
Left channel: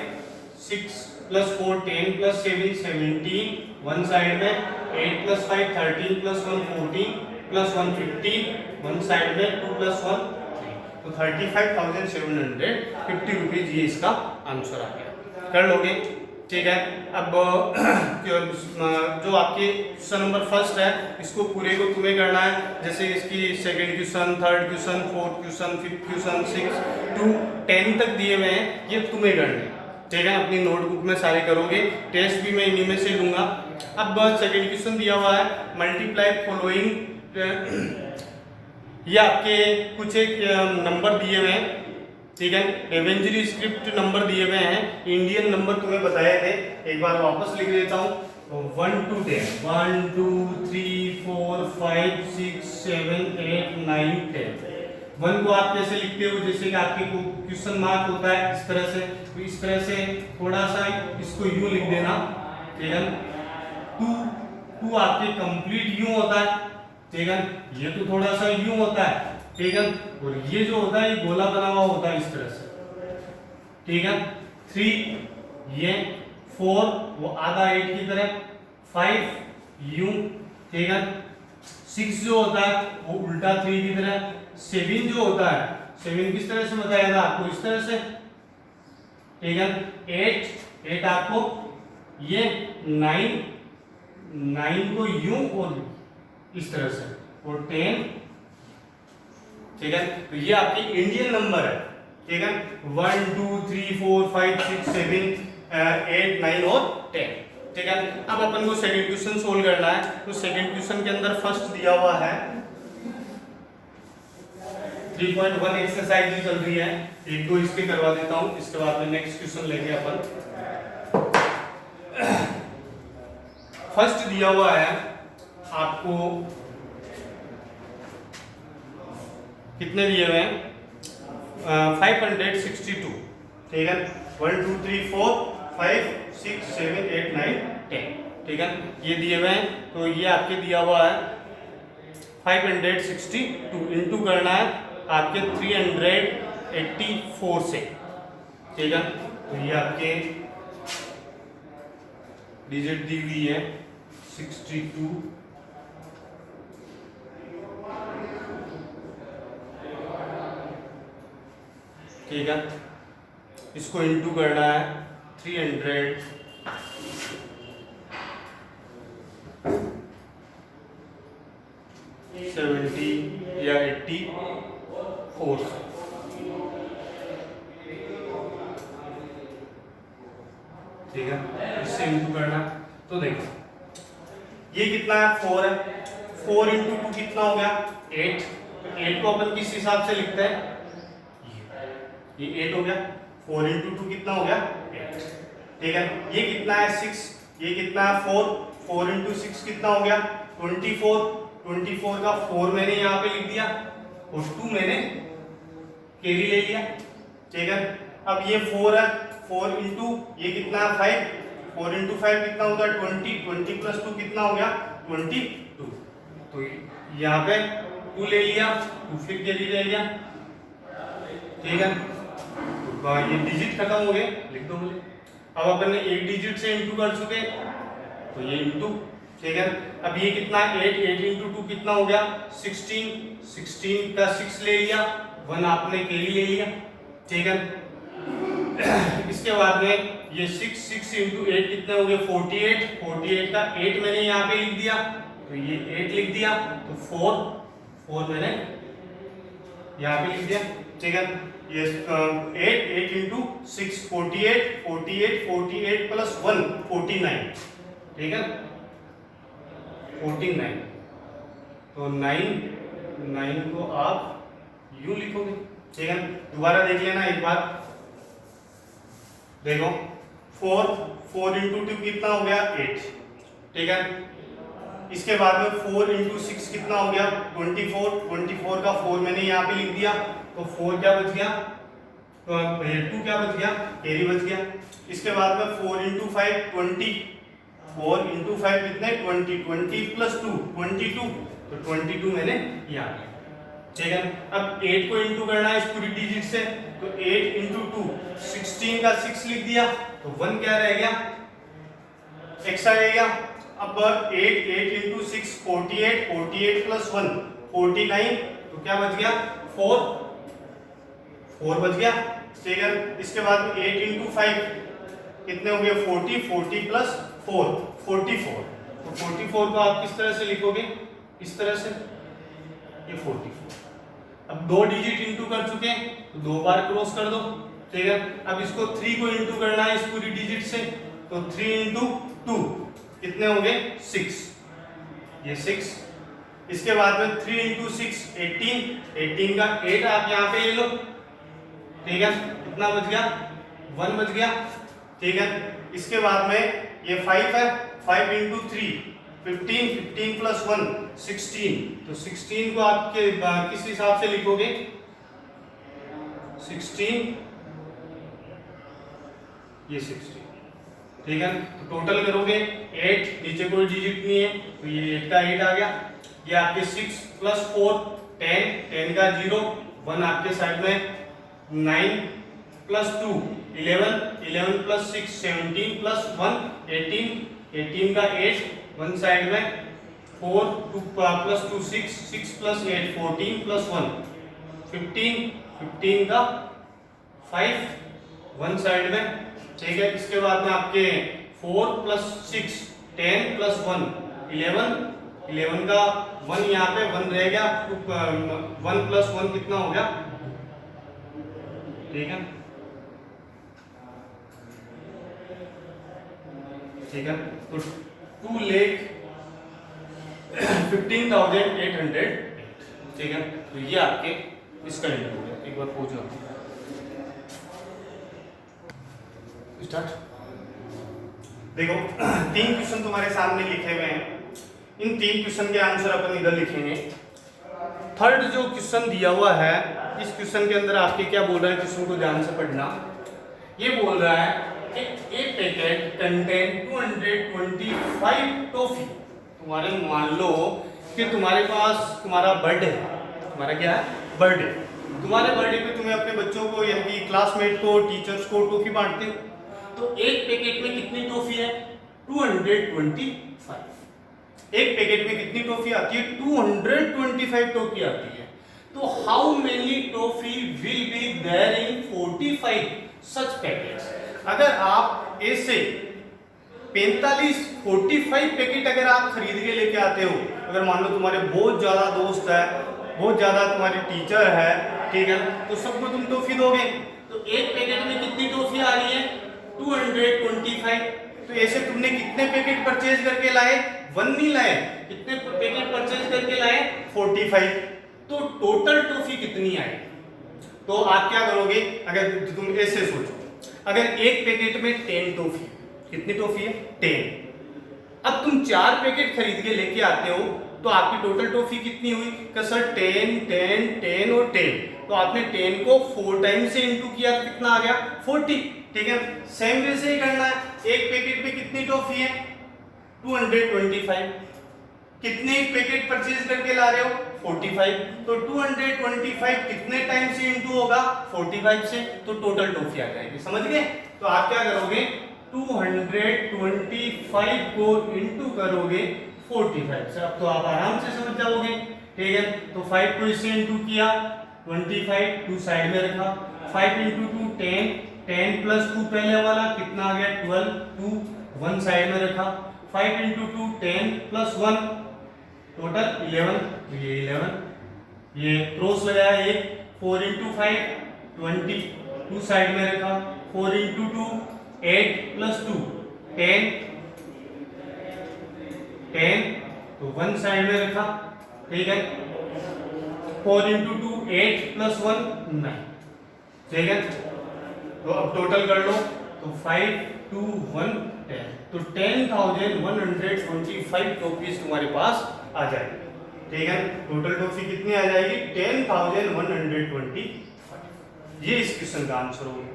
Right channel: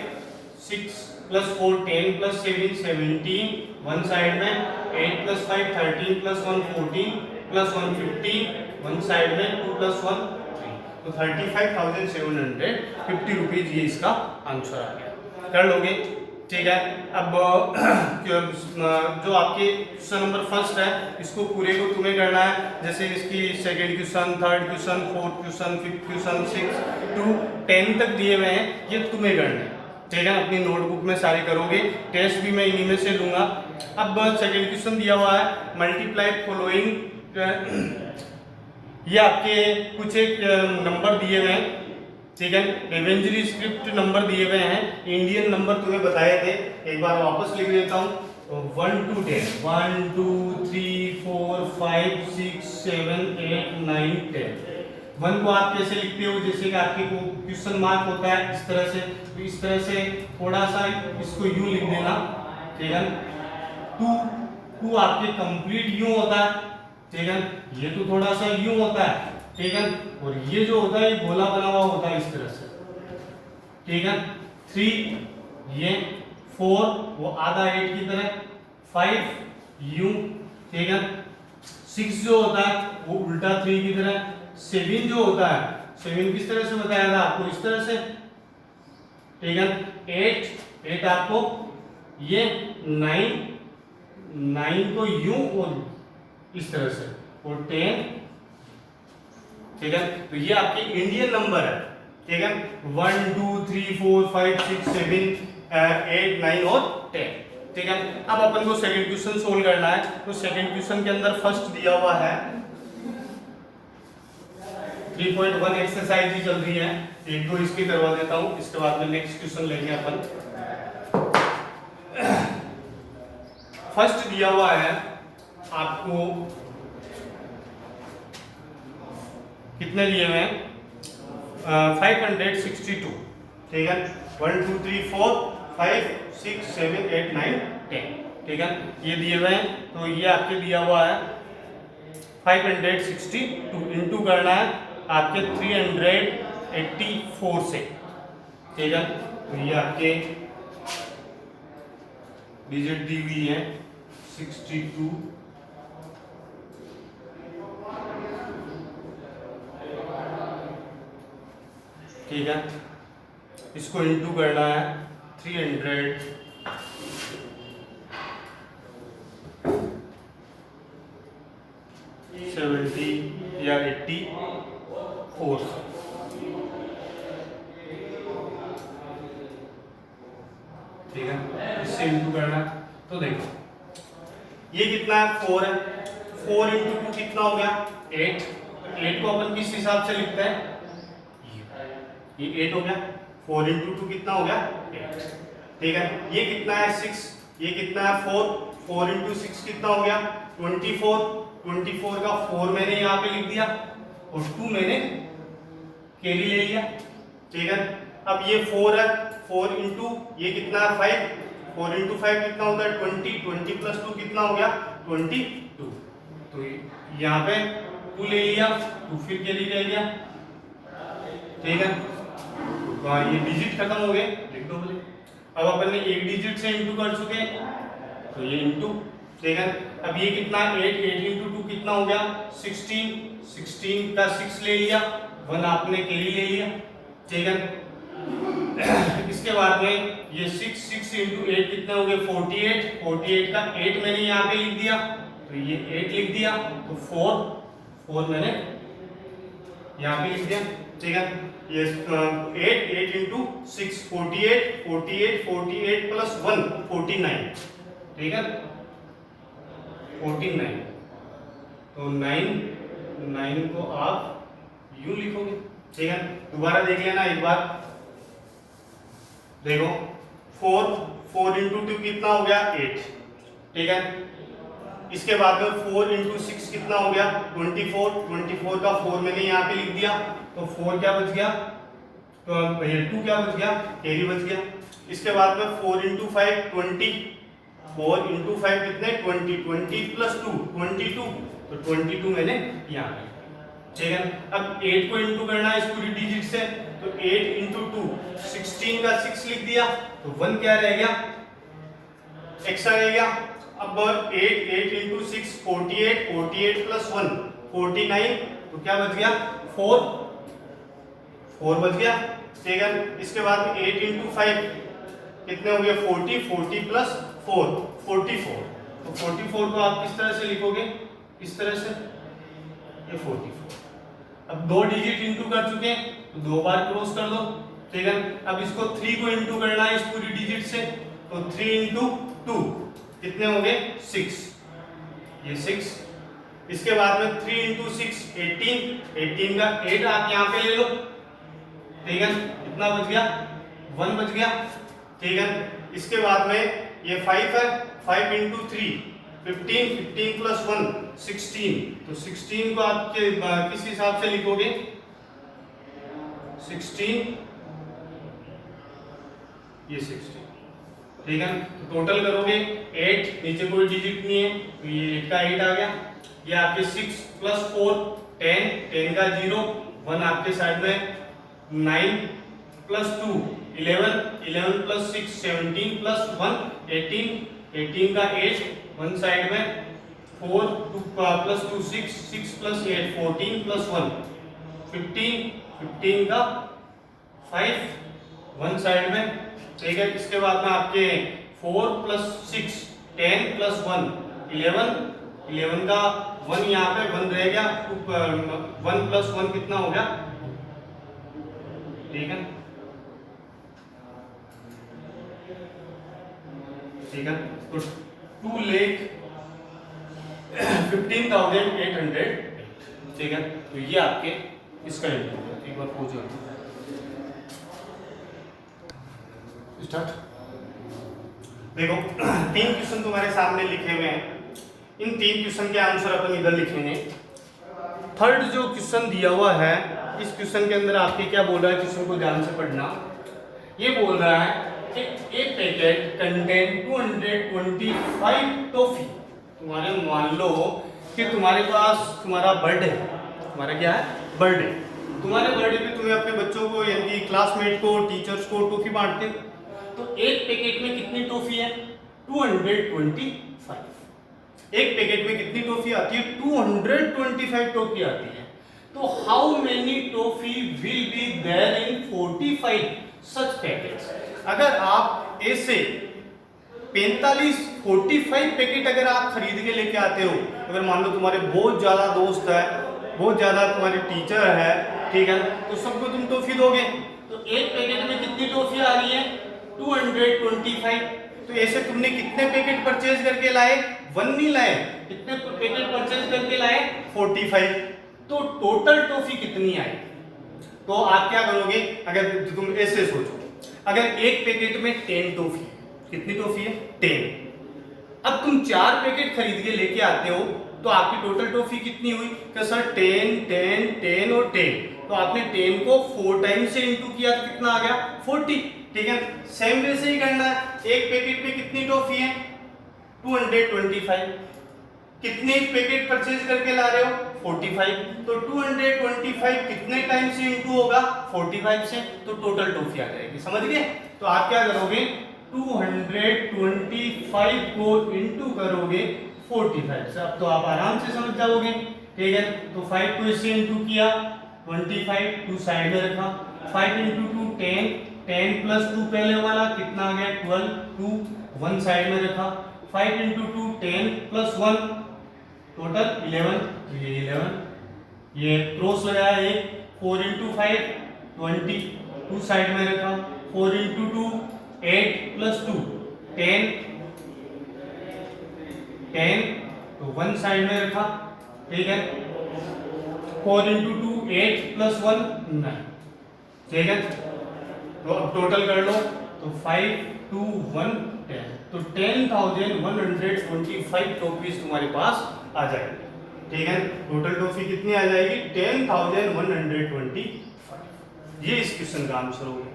6 plus 4 10 plus 7 17 one side में, 8 plus 5 13 plus 1 14 plus 1 15 one side में, 2 प्लस 1 3, तो 35,750 रुपीज ये इसका आंसर आ गया। कर लोगे, ठीक है। अब जो आपके क्वेश्चन नंबर फर्स्ट है इसको पूरे को तुम्हें करना है, जैसे इसकी second question, third question, fourth question, fifth question, 6 to 10 तक दिए हुए हैं, ये तुम्हें करने हैं, ठीक है। अपनी नोटबुक में सारे करोगे, टेस्ट भी मैं इन्हीं में से लूंगा। अब सेकंड क्वेश्चन दिया हुआ है, मल्टीप्लाई फॉलोइंग, ये आपके कुछ एक नंबर दिए हुए हैं, ठीक है। एवेंजरी स्क्रिप्ट नंबर दिए हुए हैं, इंडियन नंबर तुम्हें बताए थे, एक बार वापस लिख देता हूँ। 1 to 10, 1 2 3 4 5 6 7 8 9 10। 1 को आप कैसे लिखते हो? जैसे कि आपके को क्वेश्चन मार्क होता है इस तरह से, तो इस तरह से थोड़ा सा इसको यूं लिख देना, ठीक है। 2 आपके कंप्लीट यूं होता है, ठीक है। ये तो थोड़ा सा यूं होता है, ठीक है। और ये जो होता है ये गोला बना हुआ होता है इस तरह से, ठीक है। 3 ये, 4 वो आधा 8 की तरह, 5 यूं, ठीक है। 6 जो होता है वो उल्टा 3 की तरह, 7 जो होता है, 7 किस तरह से बताया था आपको? इस तरह से, ठीक है। 8 आपको ये 9 को यूं और इस तरह से, और 10, ठीक है। तो ये आपके इंडियन नंबर है, ठीक है। 1 2 3 4 5 6 7 8 9 और 10, ठीक है। अब अपन को सेकंड क्वेश्चन सोल्व करना है, तो सेकंड क्वेश्चन के अंदर फर्स्ट दिया हुआ है 3.1 एक्सरसाइज ही चल रही है, एक दो इसके करवा देता हूं, इसके बाद में नेक्स्ट क्वेश्चन लेंगे अपन। फर्स्ट दिया हुआ है आपको, कितने दिए हुए हैं? 562, ठीक है। 1 2 3 4 5 6 7 8 9 10, ठीक है। ये दिए हुए हैं, तो ये आपके दिया हुआ है 562, इंटू करना है आपके 384 से, ठीक है। तो ये आपके डिजिट दी हुई है 62, ठीक है। इसको इंटू करना है 370 या 84, ठीक है। इससे इंटू करना, तो देखो ये कितना है? 4 है, 4 इंटू 2 कितना हो गया? 8। 8 को अपन किस हिसाब से लिखते हैं? ये 8 हो गया, 4 इंटू 2 कितना हो गया? 8, ठीक है। ये कितना है? 6। ये कितना है? 4 इंटू 6 कितना हो गया? 24। 24 का 4 मैंने यहाँ पे लिख दिया और 2 मैंने कैरी ले लिया, ठीक है। अब ये 4 है, 4 इंटू ये कितना है? 5। 4 इंटू 5 कितना होता है? 20। 20 प्लस 2 कितना हो गया? 22। तो यहाँ पे 2 ले लिया, 2 फिर कैरी ले लिया, ठीक है। तो ये डिजिट खत्म हो गए, लिख दो मुझे। अब अपन ने एक डिजिट से इंटू कर चुके, तो ये इंटू, ठीक है। अब ये कितना है? 8 इंटू 2 कितना हो गया? 16। 16 का 6 ले लिया, 1 आपने कैरी ले लिया, ठीक है। इसके बाद में ये 6 इंटू 8 कितने हो गए? 48। 48 का 8 मैंने यहाँ पे लिख दिया, तो ये 8 लिख दिया, तो 4 मैंने यहाँ पे लिख दिया, ठीक है। ये 8 इंटू 6 48 48 48 प्लस 1 49, ठीक है। 49, तो 9 को आप यूं लिखोगे, ठीक है। दोबारा देख लेना एक बार, देखो 4 4 इंटू 2 कितना हो गया 8, ठीक है। इसके बाद में 4 इंटू 6 कितना हो गया 24, 24 का 4 मैंने यहाँ पे लिख दिया, तो 4 क्या बच गया, तो 2 क्या बच गया, कैरी बच गया। इसके बाद में 4 इंटू 5 20, 4 इंटू 5 कितने 20, 20 प्लस 2 22, तो 22 मैंने यहाँ लिया, ठीक है। अब 8 को इंटू करना है इस पूरी डिजिट से, तो 8 इंटू 2 16 का 6 लिख दिया, तो 1 क्या रह गया, एक्स्ट्रा रह गया। अब 8 इंटू 6 48, 48 प्लस 1 49, तो क्या बच गया 4 बच गया, ठीक है। इसके बाद 8 इंटू 5 कितने हो गए 40, 40 प्लस 4 44, तो 44 को आप किस तरह से लिखोगे, इस तरह से, ये 44। अब 2 डिजिट इंटू कर चुके हैं, तो 2 बार क्रॉस कर दो, ठीक है। अब इसको 3 को इंटू करना है इस पूरी डिजिट से, तो 3 इंटू 2 कितने हो गए 6, ये 6। इसके बाद में 3 इंटू 6 18, 18 का 8 आप यहाँ पे ले लो, ठीक है, कितना बच गया 1 बच गया, ठीक है। इसके बाद में ये 5 है, 5 इंटू 3 15, 15 प्लस 1 16, तो 16 को आप किस हिसाब से लिखोगे 16, ये 16, ठीक है। तो टोटल करोगे 8, नीचे कोई डिजिट नहीं है, तो ये 8 का 8 आ गया, ये आपके 6 प्लस 4 10, 10 का 0 1 आपके साइड में, 9 प्लस 2 11, 11 प्लस 6 17 प्लस 1 18, 18 का 8 1 साइड में, 4 2 प्लस 2 6, 6 प्लस 8 14 प्लस 1 15, 15 का 5 1 साइड में, ठीक है। इसके बाद में आपके 4 प्लस 6 10 प्लस 1 11, 11 का 1 यहाँ पे 1 रहेगा, 1 प्लस 1 कितना हो गया, ठीक है, ठीक है। तो 2,15,800, ठीक है। तो ये आपके इसका इंटू है, एक बार पूछो स्टार्ट। देखो 3 क्वेश्चन तुम्हारे सामने लिखे हुए हैं, इन 3 क्वेश्चन के आंसर अपन इधर लिखेंगे। थर्ड जो क्वेश्चन दिया हुआ है, इस क्वेश्चन के अंदर आपके क्या बोल रहा है, क्वेश्चन को ध्यान से पढ़ना। ये बोल रहा है एक पैकेट कंटेन 225 टॉफी। तुम्हारे मान लो कि तुम्हारे पास तुम्हारा बर्थडे है, तुम्हारा क्या है बर्थडे, तुम्हारे बर्थडे पे तुम्हें अपने बच्चों को यानी क्लासमेट को टीचर्स को टॉफी बांटते हो, तो एक पैकेट में कितनी टॉफी है 225। एक पैकेट में कितनी टॉफी आती है 225 टॉफी आती है। तो how many toffee will be there in 45 such packets. अगर आप ऐसे 45 पैकेट अगर आप खरीद के लेके आते हो, अगर मान लो तुम्हारे बहुत ज्यादा दोस्त है, बहुत ज्यादा तुम्हारे टीचर है, ठीक है, तो सबको तुम टॉफी दोगे, तो एक पैकेट में कितनी टॉफी आ रही है 225। तो ऐसे तुमने कितने पैकेट परचेज करके लाए, 1 नहीं लाए, कितने पैकेट परचेज करके लाए 45। तो टोटल टॉफी कितनी आई। तो आप क्या करोगे, अगर तुम ऐसे सोचो, अगर एक पैकेट में 10 टॉफी, कितनी टॉफी है 10, अब तुम 4 पैकेट खरीद के लेके आते हो, तो आपकी टोटल टॉफी कितनी हुई कि सर 10 10 10 और 10, तो आपने 10 को 4 टाइम से इंटू किया तो कितना आ गया 40, ठीक है। सेम वैसे ही करना है, एक पैकेट में कितनी टॉफी है 225, कितने पैकेट परचेज करके ला रहे हो 45, तो 225 कितने टाइम से इंटू होगा 45 से, तो टोटल टॉफी आ जाएगी, समझ गए। तो आप क्या करोगे 225 को इंटू करोगे 45 से, अब तो आप आराम से समझ जाओगे, ठीक है। तो 5 को इससे इंटू किया 25, 2 साइड में रखा, 5 इंटू 2 10, 10 प्लस 2 पहले वाला कितना आ गया 12, 2 1 साइड में रखा, 5 इंटू 2 10 प्लस 1 टोटल 11, ये 11, ये क्रॉस लगाया एक, 4 इंटू 5 20, 2 साइड में रखा, 4 इंटू 2 8 प्लस 2 10, 10 तो 1 साइड में रखा, ठीक है। 4 इंटू 2 8 प्लस 1 9, ठीक है। तो अब टोटल कर लो तो 5 2 1 10, तो 10,125 टॉफीज तुम्हारे पास आ जाएगी। ठीक है, टोटल टॉफी कितनी आ जाएगी? 10,125। ये इस क्वेश्चन का आंसर होगा।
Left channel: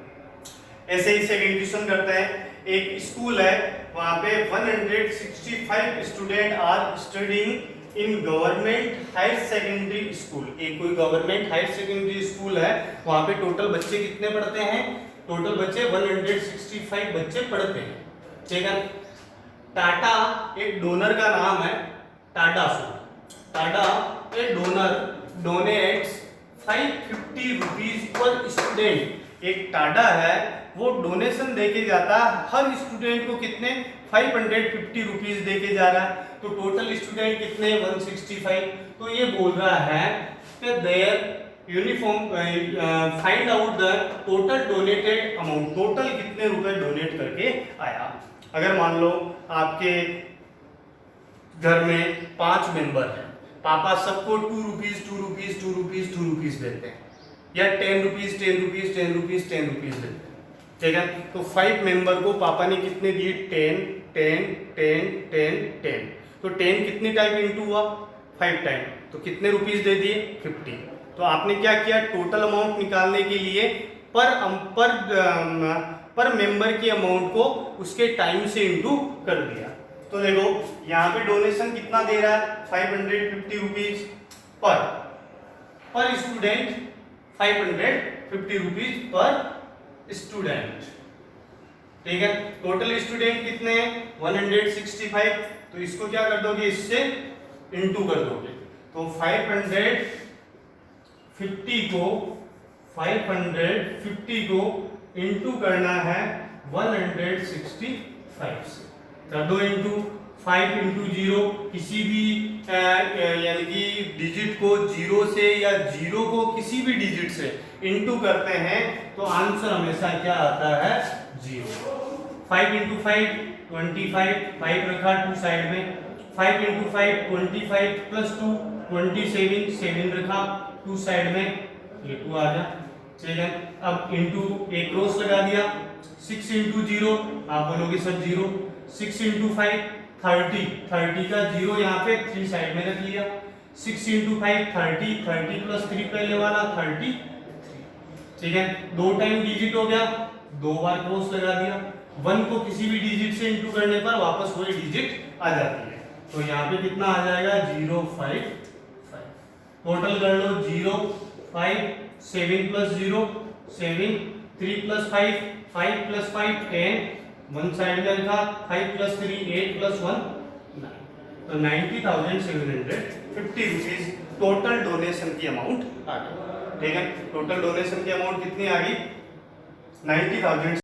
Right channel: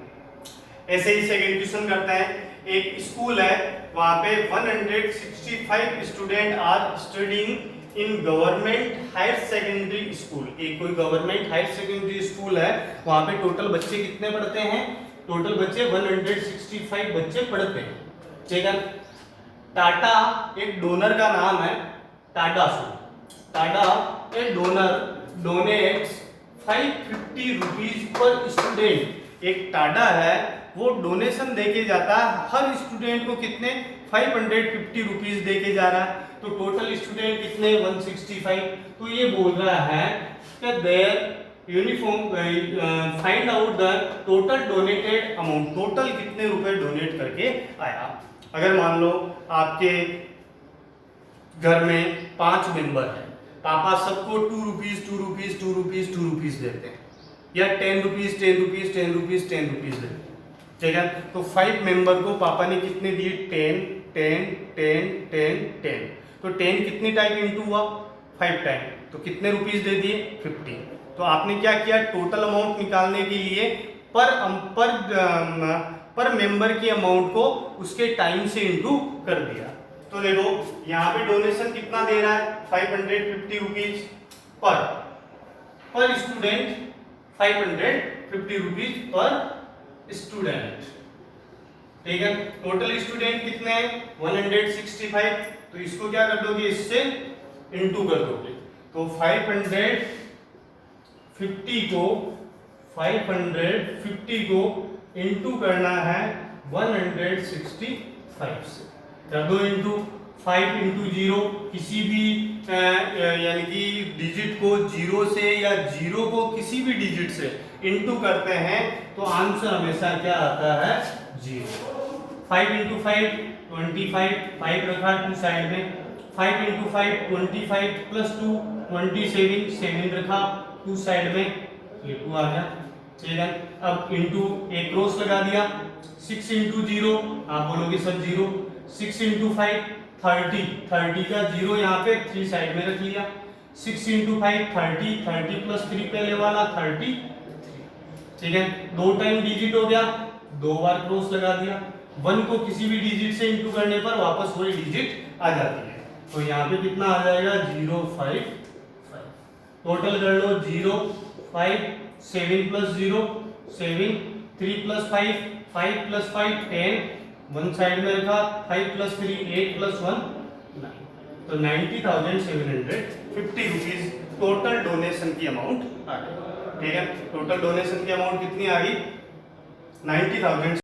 ऐसे ही सेकंड क्वेश्चन करते हैं। एक स्कूल है, वहां पे 165 student are studying in government higher secondary school. एक कोई गवर्नमेंट हायर सेकेंडरी स्कूल है, वहां पे टोटल बच्चे कितने पढ़ते हैं? टोटल बच्चे 165 बच्चे पढ़ते हैं। ठीक है, टाटा एक डोनर का नाम है, टाटा एक donor donates 550 rupees per student. एक टाटा है, वो डोनेशन देके जाता है हर स्टूडेंट को कितने? 550 रुपीज देके जा रहा है। तो टोटल स्टूडेंट कितने? 165। तो ये बोल रहा है कि their uniform find out the total donated amount. Total कितने रुपए डोनेट करके आया? अगर मान लो आपके घर में 5 मेंबर हैं, पापा सबको 2 रुपीज देते हैं, या 10 रुपीज देते हैं। ठीक है, तो 5 मेंबर को पापा ने कितने दिए? 10 10 10 10 10। तो 10 कितनी टाइम इंटू हुआ? 5 टाइम, तो कितने रुपीज दे दिए? 50। तो आपने क्या किया? टोटल अमाउंट निकालने के लिए पर मेंबर की अमाउंट को उसके टाइम से इंटू कर दिया। तो देखो यहाँ पे डोनेशन कितना दे रहा है? 550 rupees per student, 550 rupees per student. ठीक है, टोटल स्टूडेंट कितने हैं? 165। तो इसको क्या कर दोगे? इससे इंटू कर दोगे। तो 550 को इंटू करना है 165 से। कर दो इंटू 5 इंटू 0। किसी भी यानी कि डिजिट को 0 से या 0 को किसी भी डिजिट से इंटू करते हैं तो आंसर हमेशा क्या आता है? 0। 5 इंटू 5 25, 5 रखा 2 साइड में। 5 इंटू 5 25 प्लस 2 27, 7 रखा 2 साइड में, ये 2 आ गया। ठीक है, अब इंटू एक क्रॉस लगा दिया। 6 इंटू 0, आप बोलोगे सर 0। 6 इंटू 5 30 का 0 यहाँ पे 3 साइड में रख लिया। 6 इंटू 5 30 प्लस 3 पहले वाला 33। ठीक है, 2 टाइम डिजिट हो गया, 2 बार क्रॉस लगा दिया। 1 को किसी भी डिजिट से इंटू करने पर वापस वही डिजिट आ जाती है। तो यहाँ पे कितना आ जाएगा? 055। टोटल कर लो 0 5 7 प्लस 0 7 3 प्लस 5 5 प्लस 5 10, 1 साइड में रखा। 5 प्लस 3 8 प्लस 1 9। तो 90,750 रुपीज टोटल डोनेशन की अमाउंट आ गई। ठीक है, टोटल डोनेशन की अमाउंट कितनी आ गई? 90,000।